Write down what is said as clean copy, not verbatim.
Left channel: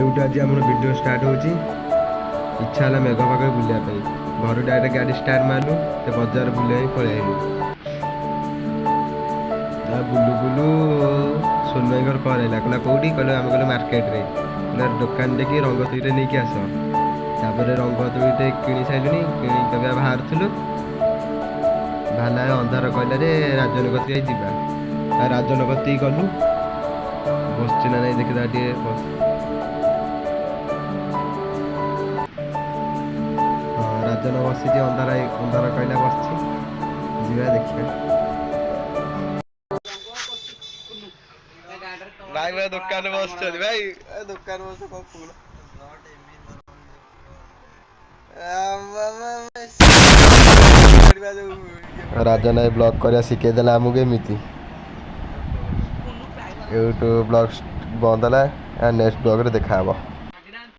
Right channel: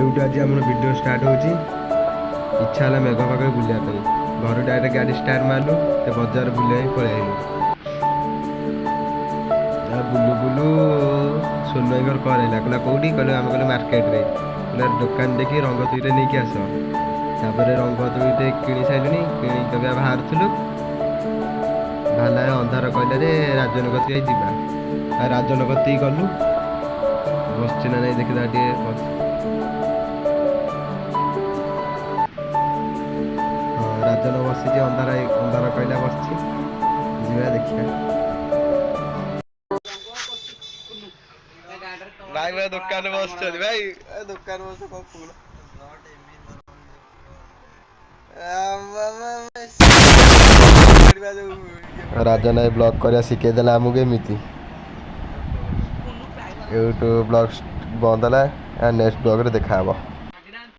एवटू आज आम video start होची इच्छा है मेघ पाग बुलाया घर डायरेक्ट गाड़ी स्टार्ट मारू तो बजार बुले पलि आइलु बुलू बुलू सोनू भाई घर कल है कहला कौटी कहले आम कहले मार्केट रे कहला दुकान देखी रंग तुईटे नहीं आस तापर रंग तुईटे किणी सारूनी किणी कभी बाहर बाहर अंधार कहला रे राजन कती जा राजन कती गलु बस ना नहीं देखा टे बस राजन बसी अंधार अंधार कहला बस जा देखिए भाई भाई दुकान बस भाई दुकान बस राजन ब्लॉग कर शिखेदेला आमको एमती यूट्यूब ब्लॉग बंद है नेक्स्ट ब्लॉग रे देखा।